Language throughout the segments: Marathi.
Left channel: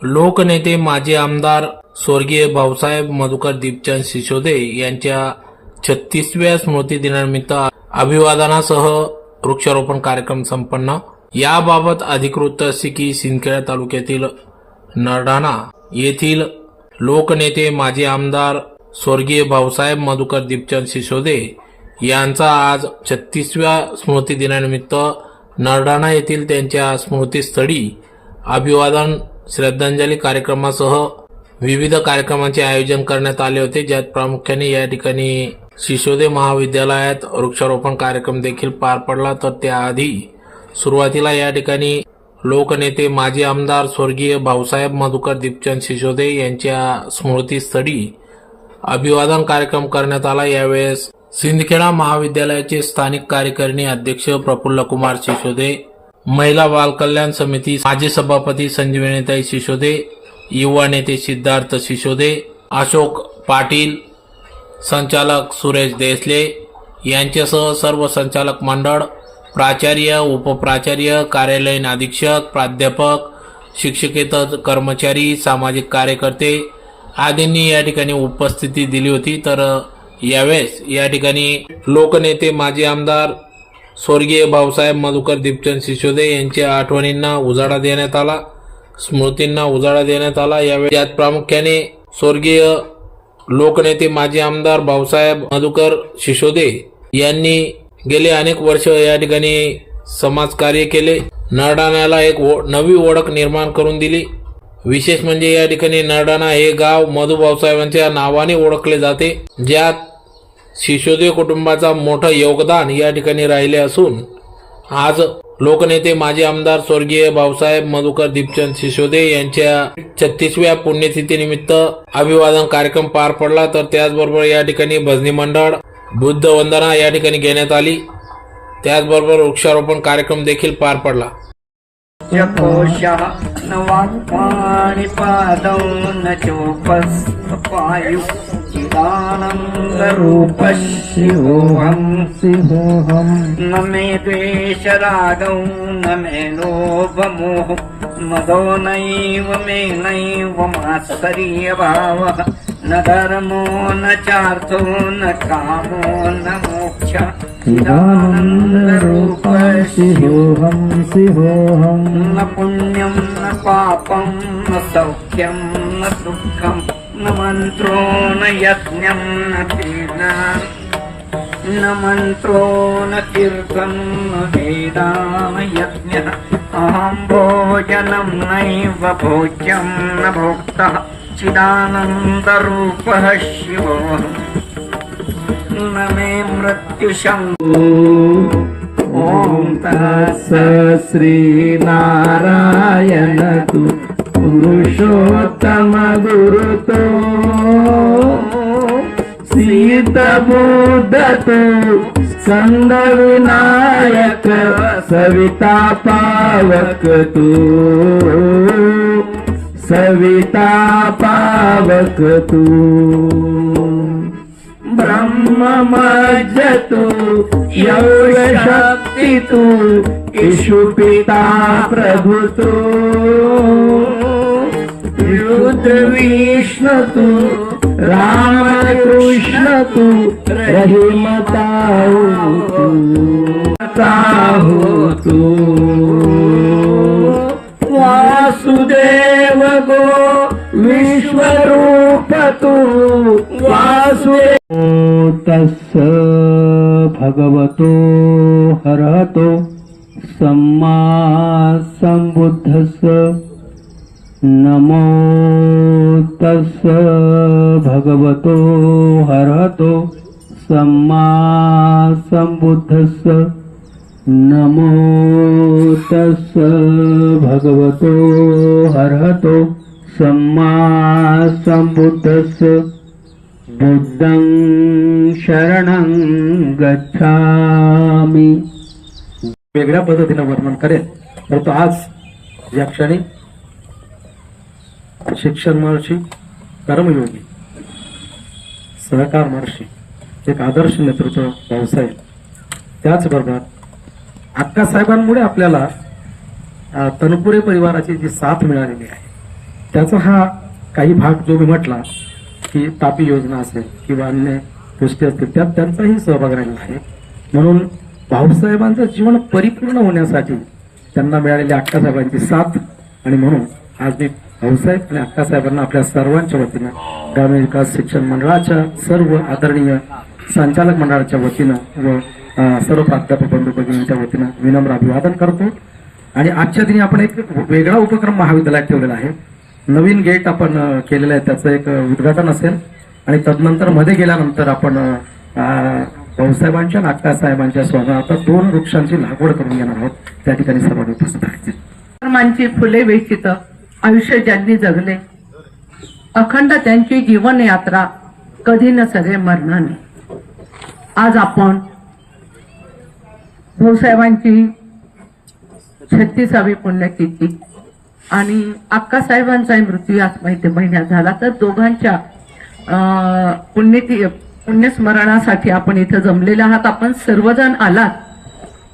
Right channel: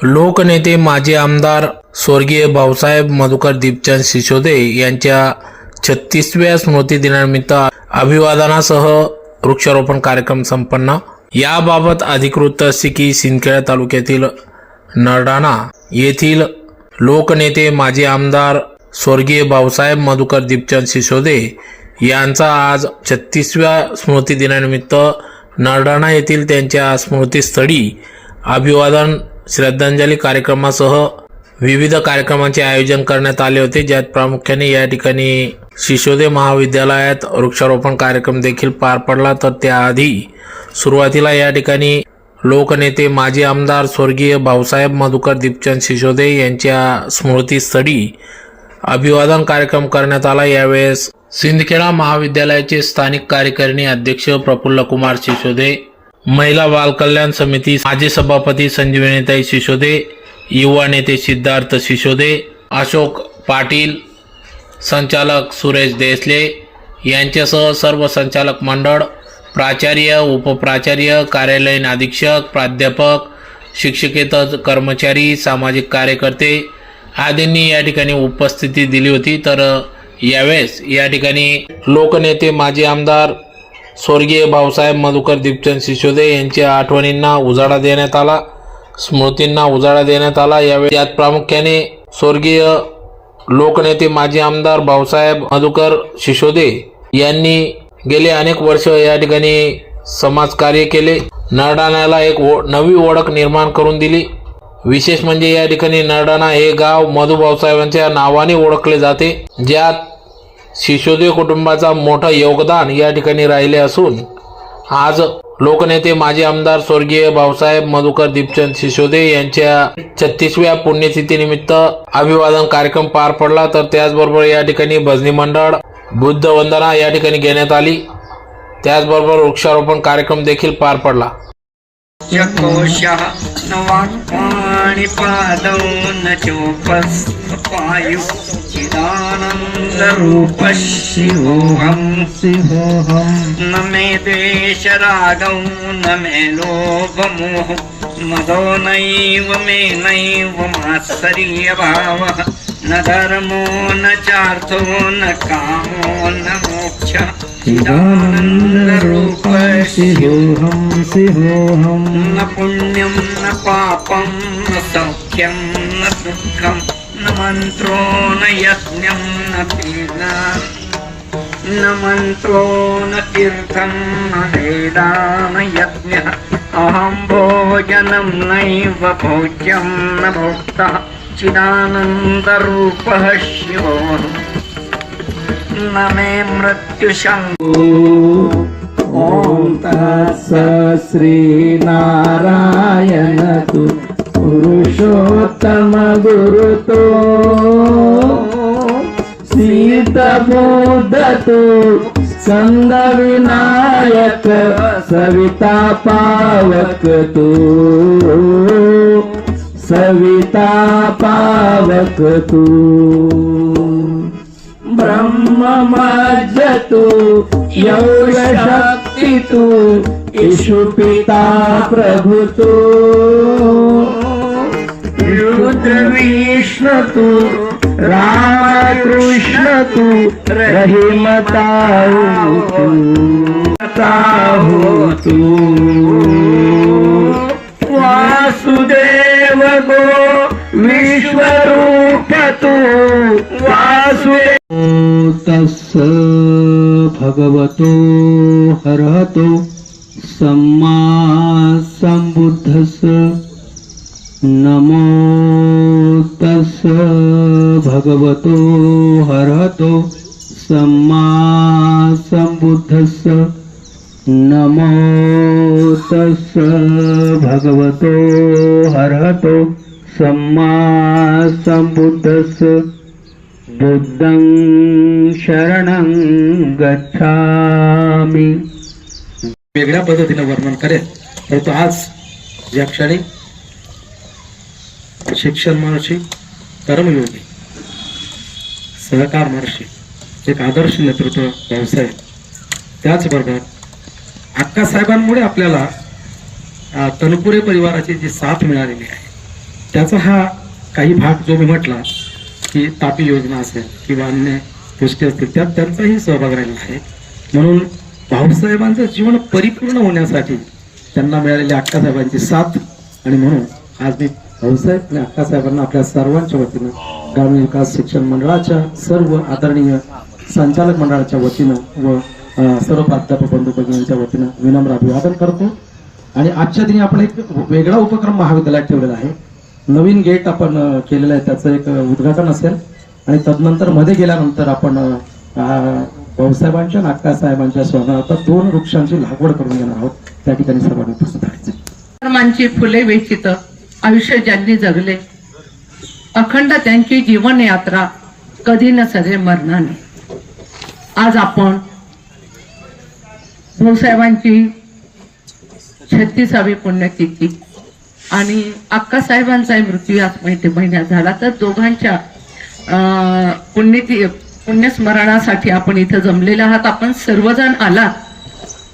लोकनेते माजी आमदार स्वर्गीय भाऊसाहेब मधुकर दीपचंद सिसोदे यांच्या 36व्या स्मृतिदिनानिमित्त अभिवादनासह वृक्षारोपण कार्यक्रम संपन्न। याबाबत अधिकृत असे की सिंदखेड तालुक्यातील नरडाणा येथील लोकनेते माजी आमदार स्वर्गीय भाऊसाहेब मधुकर दीपचंद सिसोदे यांचा आज 36व्या स्मृतिदिनानिमित्त नरडाणा येथील त्यांच्या स्मृतीस्थळी अभिवादन श्रद्धांजली कार्यक्रमासह विविध कार्यक्रमांचे आयोजन करण्यात आले होते, ज्यात प्रामुख्याने या ठिकाणी सिसोदे महाविद्यालयात वृक्षारोपण कार्यक्रम देखील पार पडला। तर त्याआधी सुरुवातीला या ठिकाणी लोकनेते माजी आमदार स्वर्गीय भाऊसाहेब मधुकर दीपचंद सिसोदे यांच्या स्मृतीस्थळी अभिवादन कार्यक्रम करण्यात आला। यावेळेस सिंदखेडा महाविद्यालयाचे स्थानिक कार्यकारिणी अध्यक्ष प्रफुल्ल कुमार सिसोदे, महिला बाल कल्याण समिती माजी सभापती संजीवनीताई सिसोदे, युवा नेते सिद्धार्थ सिसोदे, अशोक पाटील, संचालक सुरेश देसले यांच्यासह सर्व संचालक मंडळ, प्राचार्य, उपप्राचार्य, कार्यालयीन अधीक्षक, प्राध्यापक, शिक्षकेतर कर्मचारी, सामाजिक कार्यकर्ते आदींनी या ठिकाणी उपस्थिती दिली होती। तर यावेळेस या ठिकाणी लोकनेते माजी आमदार स्वर्गीय भाऊसाहेब मधुकर दीपचंद सिसोदे यांच्या आठवणींना उजाळा देण्यात आला, स्मृतींना उजाळा देण्यात आला। यावेळी त्यात प्रामुख्याने स्वर्गीय लोकनेते माजी आमदार भाऊसाहेब मधुकर सिसोदे यांनी गेले अनेक वर्ष या ठिकाणी समाजकार्य केले, नरडाणाला एक नवी ओळख निर्माण करून दिली। विशेष म्हणजे या ठिकाणी नरडाणा हे गाव मधु भाऊसाहेबांच्या नावाने ओळखले जाते, ज्यात सिसोदे कुटुंबाचा मोठं योगदान या ठिकाणी राहिले असून आज लोकनेते माजी आमदार स्वर्गीय भाऊसाहेब मधुकर दीपचंद सिसोदे यांच्या 36व्या पुण्यतिथीनिमित्त अभिवादन कार्यक्रम पार पडला। तर त्याचबरोबर या ठिकाणी भजनी मंडळ, बुद्ध वंदना या ठिकाणी घेण्यात आली, त्याचबरोबर वृक्षारोपण कार्यक्रम देखील पार पडला। कोशः न वाक्पाणिपादौ न चोपस्पायु चिदानन्दरूपः शिवोऽहं न मे द्वेषरागौ न मे लोभमोह मदो नैव मे नैव मात्सर्यभावः न धर्मो न चार्थो न कामो न मोक्षः चिदानन्दरूपः शिवोऽहं न पुण्यं न पापं न सौख्यं न दुःखं न मन्त्रो न यज्ञं न पीडा न मन्त्रो न तीर्थं न वेदा न यज्ञः अहं भोजनं नैव भोज्यं न भोक्ता चिदानन्दरूपः शिवोऽहं न मे मृत्युशङ्को। ओम तत्सत् श्रीनारायण तु पुरुषोत्तम गुरुतो सीतबुद्ध तु स्कंद विनायक सविता पावक तु सविता पावक तु ब्रह्म मज्ज तु योग शक्ति तु ईशु पिता प्रभु तु रुद्र विष्णु तु राम कृष्ण तु रहीमताहु तु वासुदेव गो विश्वरूप तु वासुदेव। तस्य भगवतो हरहतो सम्मा सम्बुद्धस्य नमो तस्य भगवतो हरहतो सम्मा सम्बुद्धस्य नमो तस्य भगवतो हरहतो सम्मा सम्बुद्धस्य बुद्धं शरणं गच्छामि। वेगळ्या पद्धतीने वर्णन करेल, परंतु आज या क्षणी शिक्षण महर्षी, कर्मयोगी, सहकार महर्षी, एक आदर्श नेतृत्व भाऊसाहेब, त्याचबरोबर अक्कासाहेबांमुळे आपल्याला तनपुरे परिवाराची जी साथ मिळालेली आहे त्याचा हा काही भाग जो मी म्हटला की तापी योजना असेल किंवा अन्य गोष्टी असतील त्यात त्यांचाही सहभाग राहिला आहे. म्हणून भाऊसाहेबांचं जीवन परिपूर्ण होण्यासाठी त्यांना मिळालेली अक्कासाहेबांची साथ आणि म्हणून आज मी भाऊसाहेब आणि अक्कासाहेबांना आपल्या सर्वांच्या वतीनं ग्रामीण विकास शिक्षण मंडळाच्या सर्व आदरणीय संचालक मंडळाच्या वतीनं व सर्व प्राध्यापक बंधू भगिनींच्या वतीनं विनम्र अभिवादन करतो. आणि आजच्या दिनी आपण एक वेगळा उपक्रम महाविद्यालयात ठेवलेला आहे. नवीन गेट आपण केलेलं आहे, त्याचं एक उद्घाटन असेल आणि तदनंतर मध्ये गेल्यानंतर आपण भाऊसाहेबांच्या आणि अक्कासाहेबांच्या स्मरणार्थ 2 वृक्षांची लागवड करून घेणार आहोत. त्या ठिकाणी सर्वांनी उपस्थित राहायचे. धर्मांची फुले वेचित आयुष्य ज्यांनी जगले, अखंड त्यांची जीवन यात्रा कधी न सगळे मरणाने. आज आपण भाऊसाहेबांची 36वी पुण्यतिथी आणि अक्कासाहेबांचाही मृत्यू याच महिन्यात झाला, तर दोघांच्या पुण्यस्मरणासाठी आपण इथं जमलेले आहात. आपण सर्वजण आलात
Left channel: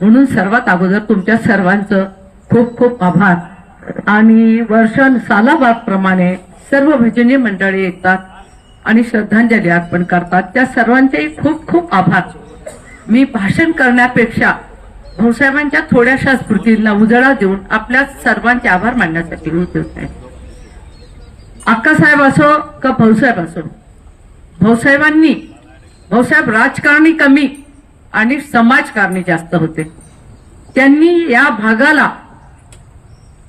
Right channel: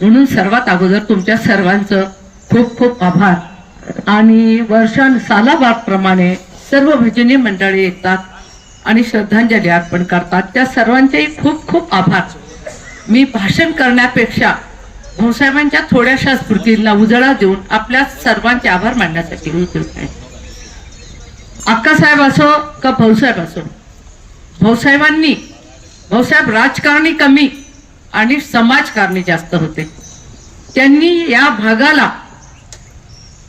म्हणून सर्वात अगोदर तुमच्या सर्वांचं खूप खूप आभार. आणि सालाबादप्रमाणे सर्व भजनी मंडळी येतात आणि श्रद्धांजली अर्पण करतात, त्या सर्वांचेही खूप खूप आभार. मी भाषण करण्यापेक्षा भाऊसाहेबांच्या थोड्याशा स्मृतींना उजाळा देऊन आपल्या सर्वांचे आभार मानण्यासाठी मी इथे आहे. अक्कासाहेब असो का भाऊसाहेब असो, भाऊसाहेब राजकारणी कमी आणि समाजकारणी जास्त होते. त्यांनी या भागाला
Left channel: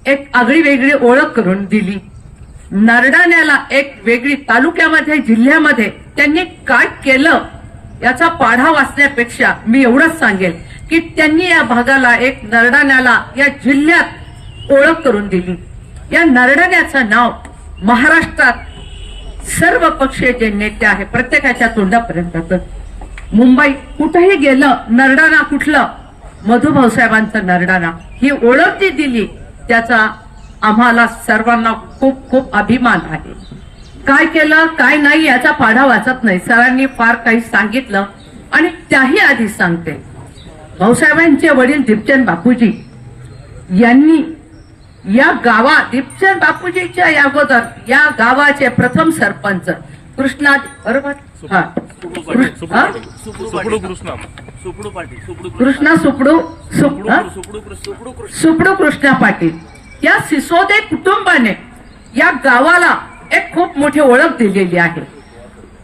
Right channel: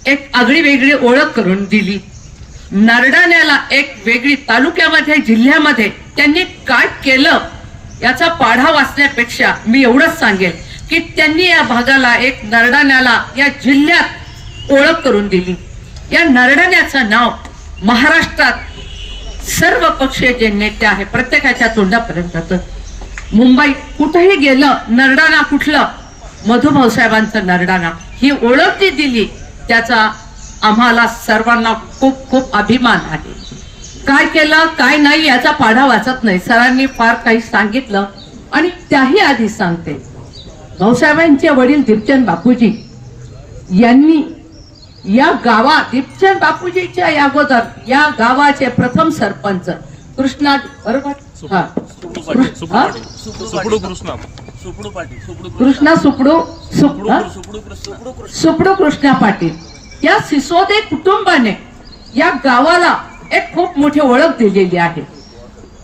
एक आगळी वेगळी ओळख करून दिली. नरडाण्याला एक वेगळी तालुक्यामध्ये जिल्ह्यामध्ये त्यांनी काय केलं याचा पाढा वाचण्यापेक्षा मी एवढंच सांगेल की त्यांनी या भागाला एक नरडाण्याला या जिल्ह्यात ओळख करून दिली. या नरडाण्याचं नाव महाराष्ट्रात सर्व पक्षीय जे नेते आहे प्रत्येकाच्या तोंडापर्यंत, मुंबई कुठेही गेलं नरडाणा कुठलं, मधु भाऊसाहेबांचं नरडाणा ही ओळख जी दिली त्याचा आम्हाला सर्वांना खूप खूप अभिमान आहे. काय केलं काय नाही याचा पाढा वाचत नाही, सरांनी फार काही सांगितलं आणि त्याही आधी सांगते. भाऊसाहेबांचे वडील दीपचंद बापूजी यांनी या गावात, दीपचंद बापूजीच्या अगोदर या गावाचे प्रथम सरपंच कृष्णा, बरोबर, कृष्णा सुपडू कृष्णा पाटील या सिसोदे कुटुंबाने या गावाला एक खूप मोठी ओळख दिलेली आहे.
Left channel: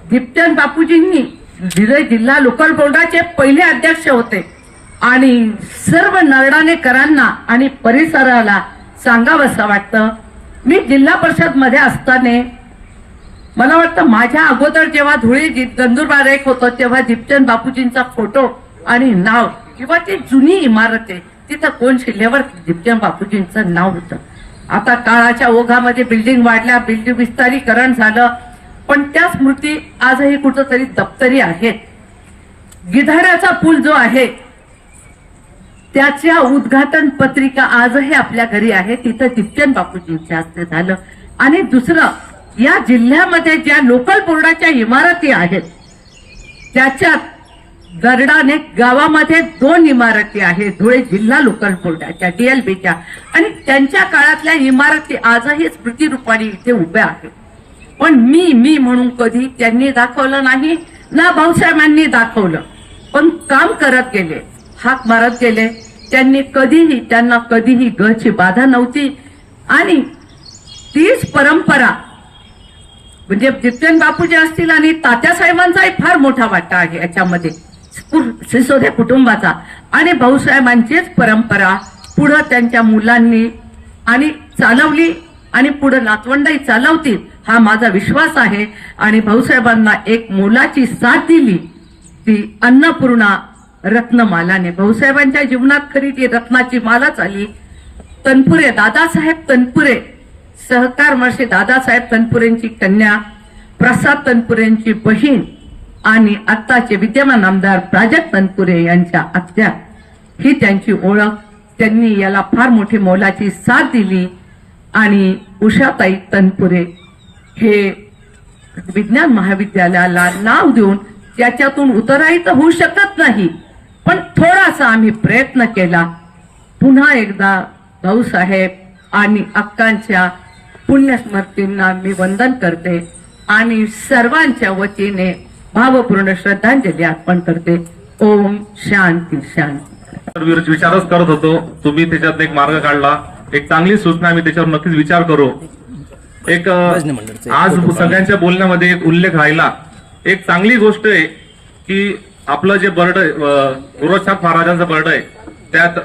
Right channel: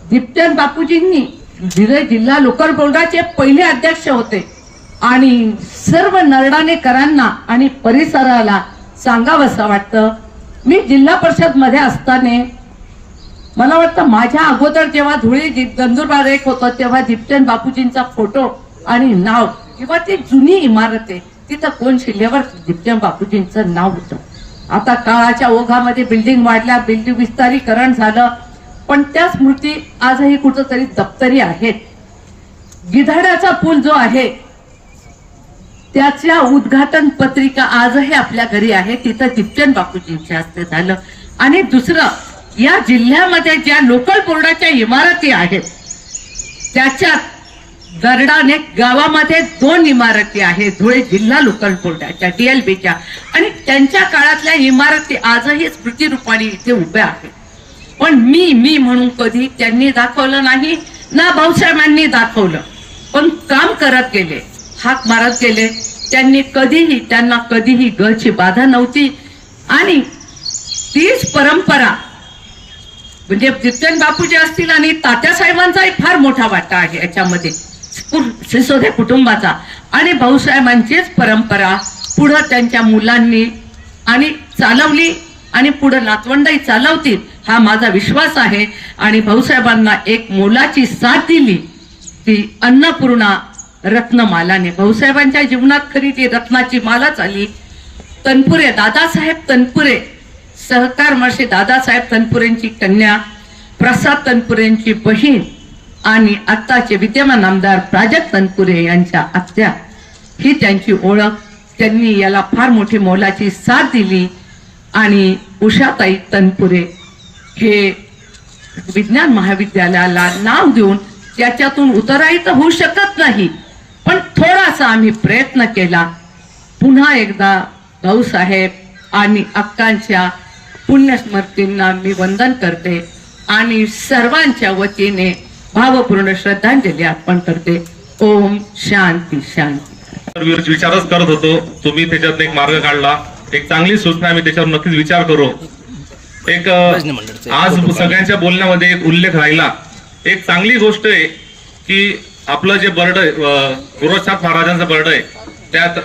दीपचंद बापूजींनी जिल्हा लोकल बोर्डाचे पहिले अध्यक्ष होते आणि सर्व नरडाणेकरांना आणि परिसराला सांगावंसं वाटतं, मी जिल्हा परिषद मध्ये असताना मला वाटतं माझ्या अगोदर जेव्हा धुळे नंदुरबार एक होतं तेव्हा दीपचंद बापूजींचा फोटो आणि नाव किंवा ती जुनी इमारत आहे तिथं कोण शिल्लेवर दीपचंद बापूजींचं नाव होतं. आता काळाच्या ओघामध्ये बिल्डिंग वाढल्या, बिल्डिंग विस्तारीकरण झालं, पण त्या स्मृती आजही कुठंतरी दप्तरी आहेत. गिधाड्याचा पूल जो आहे त्याच्या उद्घाटन पत्रिका आजही आपल्या घरी आहे, तिथं दीपचंद बापूजींच्या हस्ते झालं. आणि दुसरं, या जिल्ह्यामध्ये ज्या लोकल बोर्डाच्या इमारती आहेत त्याच्यात गरडाने गावामध्ये 2 इमारती आहेत धुळे जिल्हा लोकल बोर्डाच्या DLBच्या, आणि त्यांच्या काळातल्या इमारती आजही स्मृती रूपाने इथे उभ्या आहेत. पण मी म्हणून कधी त्यांनी दाखवलं नाही ना भाऊसाहेबांनी दाखवलं, पण काम करत गेले, हाक मारत गेले. त्यांना कधीही घरची बाधा नव्हती. आणि तीच परंपरा म्हणजे दीपचंद बापूजी असतील आणि तात्यासाहेबांचाही फार मोठा वाटा आहे याच्यामध्ये, सिसोदे कुटुंबाचा. आणि भाऊसाहेबांचीच परंपरा पुढे त्यांच्या मुलांनी आणि चालवली आणि पुढे नातवंडही चालवतील हा माझा विश्वास आहे. आणि भाऊसाहेबांना एक मोलाची साथ दिली ती अन्नपूर्णा रत्नमालाने. भाऊसाहेबांच्या जीवनात खरी ती रत्नाची मालाच आली. तनपुरे, दादासाहेब तनपुरे, सहकार महर्षी दादासाहेब तनपुरेंची कन्या, प्रसाद तनपुरेंची बहीण आणि आत्ताचे विद्यमान आमदार प्राजक्त तनपुरे यांच्या आत्या, ही त्यांची ओळख. त्यांनी याला फार मोठी मोलाची साथ दिली. आणि उषाताई तनपुरे हे विज्ञान महाविद्यालयाला नाव देऊन त्याच्यातून उतराई तर होऊ शकत नाही, पण थोडासा आम्ही प्रयत्न केला. पुन्हा एकदा भाऊसाहेब आणि अक्कांच्या पुण्यस्मृतींना मी वंदन करते आणि सर्वांच्या वतीने भावपूर्ण श्रद्धांजली अर्पण करते. ओम शांती शांती. विचारच करत होतो, तुम्ही त्याच्यात एक मार्ग काढला, एक चांगली सूचना, मी त्याच्यावर नक्कीच विचार करू. एक आज सगळ्यांच्या बोलण्यामध्ये एक उल्लेख राहिला, एक चांगली गोष्ट आहे की आपलं जे बर्ड गोरक्षनाथ महाराजांचं बर्ड आहे त्यात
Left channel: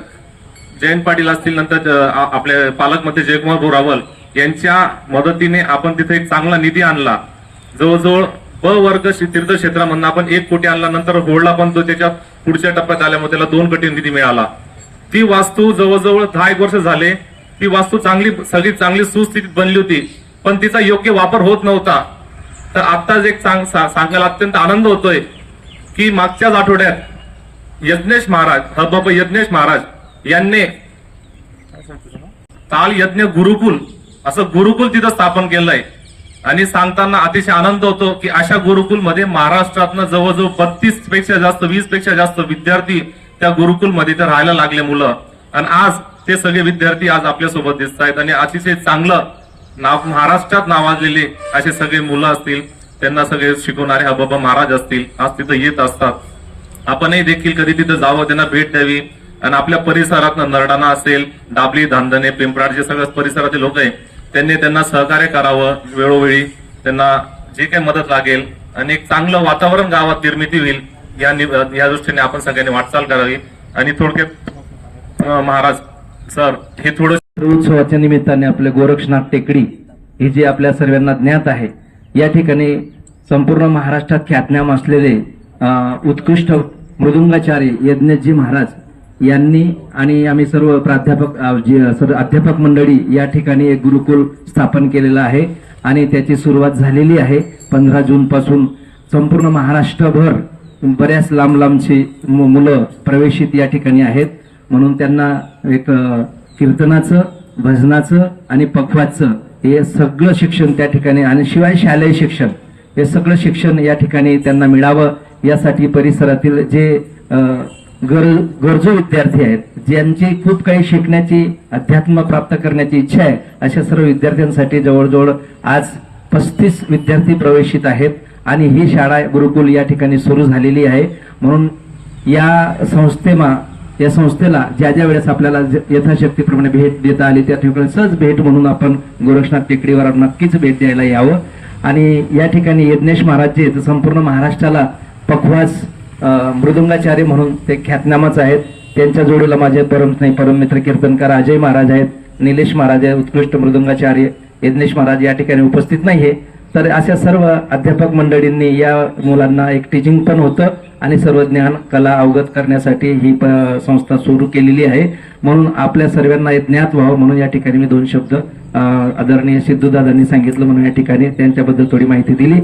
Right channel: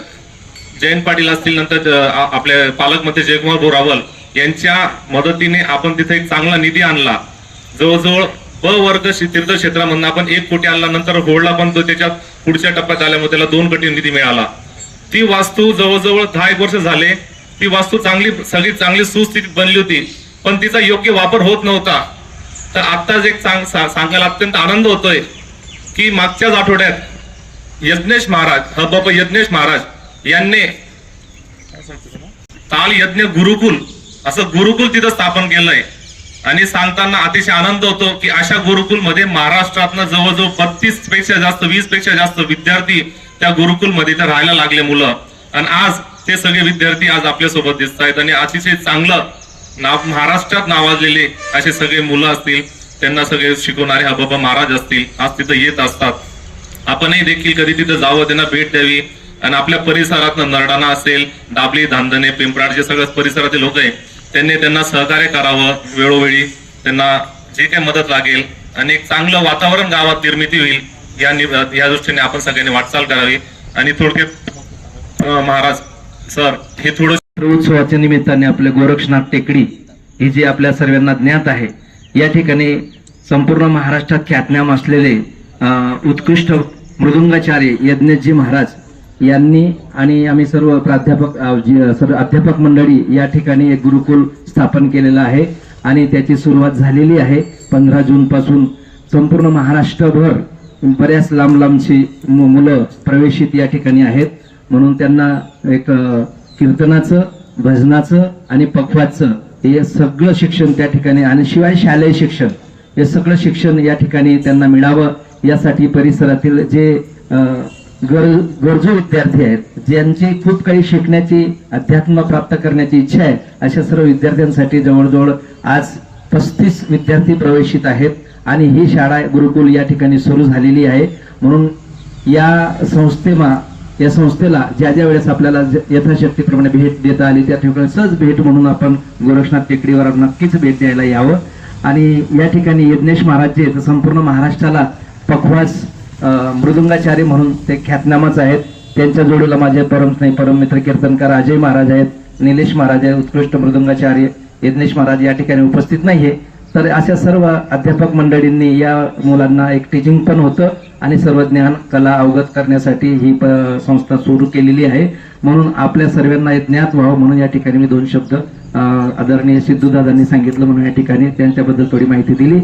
जयंत पाटील असतील, नंतर आपले पालकमंत्री जयकुमार बोरावल यांच्या मदतीने आपण तिथे एक चांगला निधी आणला. जवळजवळ ब वर्ग तीर्थक्षेत्रामधून आपण 1 कोटी आणला, नंतर होळला पण तो त्याच्या पुढच्या टप्प्यात आल्यामुळे त्याला 2 कोटी निधी मिळाला. ती वास्तू जवळजवळ 10 वर्ष झाले, ती वास्तू सगळी चांगली सुस्थितीत बनली होती, पण तिचा योग्य वापर होत नव्हता. तर आत्ताच एक सांगायला अत्यंत आनंद होतोय की मागच्याच आठवड्यात यज्ञेश महाराज, हबप यज्ञेश महाराज यांनी ताल यज्ञ गुरुकुल असं गुरुकुल तिथं स्थापन केलंय. आणि सांगताना अतिशय आनंद होतो की अशा गुरुकुल मध्ये महाराष्ट्रातनं जवळजवळ 32 पेक्षा जास्त 20 पेक्षा जास्त विद्यार्थी त्या गुरुकुल मध्ये इथे राहायला लागले मुलं. आणि आज ते सगळे विद्यार्थी आज आपल्या सोबत दिसत आहेत आणि अतिशय चांगलं महाराष्ट्रात नावाजलेले असे सगळे मुलं असतील, त्यांना सगळे शिकवणारे हबप महाराज असतील, आज तिथं येत असतात. आपणही देखील कधी तिथं जावं, त्यांना भेट द्यावी आणि आपल्या परिसरात नरडाणा असेल, दाबली, धांदणे, पिंपराड जे सगळं परिसरातील लोक आहे त्यांना सहकार्य करावं. वेळोवेळी त्यांना जे काही मदत लागेल आणि एक चांगलं वातावरण गावात निर्मिती होईल या दृष्टीने आपण सगळ्यांनी वाटचाल करावी. आणि थोडक्यात महाराज सर हे थोडं उत्सवाच्या निमित्ताने आपले गोरक्षनाथ टेकडी ही जी आपल्या सर्वांना ज्ञात आहे, या ठिकाणी संपूर्ण महाराष्ट्रात ख्यातनाम असलेले उत्कृष्ट मृदुंगाचार्य यज्ञजी महाराज यांनी आणि आम्ही सर्व सर्व अध्यापक मंडळी या ठिकाणी एक गुरुकुल स्थापन केलेलं आहे आणि त्याची सुरुवात झालेली आहे. 15 जून पासून संपूर्ण महाराष्ट्रभर बऱ्याच लांबची मुलं प्रवेशित या ठिकाणी आहेत. म्हणून त्यांना एक कीर्तनाचं, भजनाचं आणि पखवाचं हे सगळं शिक्षण त्या ठिकाणी आणि शिवाय शालेय शिक्षण हे सगळं शिक्षण या ठिकाणी त्यांना मिळावं यासाठी परिसरातील जे गरजू विद्यार्थी आहेत, ज्यांची खूप काही शिकण्याची, अध्यात्म प्राप्त करण्याची इच्छा आहे, अशा सर्व विद्यार्थ्यांसाठी जवळजवळ आज 35 विद्यार्थी प्रवेशित आहेत आणि ही शाळा गुरुकुल या ठिकाणी सुरू झालेली आहे. म्हणून या संस्थेला ज्या वेळेस आपल्याला यथाशक्तीप्रमाणे भेट देता आली त्या ठिकाणी सहज भेट म्हणून आपण गोरक्षनाथ टेकडीवर नक्कीच भेट द्यायला यावं. आणि या ठिकाणी यज्ञेश महाराज जे आहेत संपूर्ण महाराष्ट्राला पखवाज मृदुंगाचार्य म्हणून ते ख्यातनामच आहेत. त्यांच्या जोडीला माझे परम मित्र कीर्तनकार अजय महाराज आहेत, निलेश महाराज आहेत, उत्कृष्ट मृदुंगाचार्य यज्ञेश महाराज या ठिकाणी उपस्थित नाहीये. तर अशा सर्व अध्यापक मंडळींनी या मुलांना एक टीचिंग पण होतं आणि सर्व ज्ञान कला अवगत करण्यासाठी ही संस्था सुरू केलेली आहे. म्हणून आपल्या सर्वांना ज्ञात व्हावं म्हणून या ठिकाणी मी 2 शब्द आदरणीय सिद्धूदादांनी सांगितलं म्हणून या ठिकाणी त्यांच्याबद्दल थोडी माहिती दिली.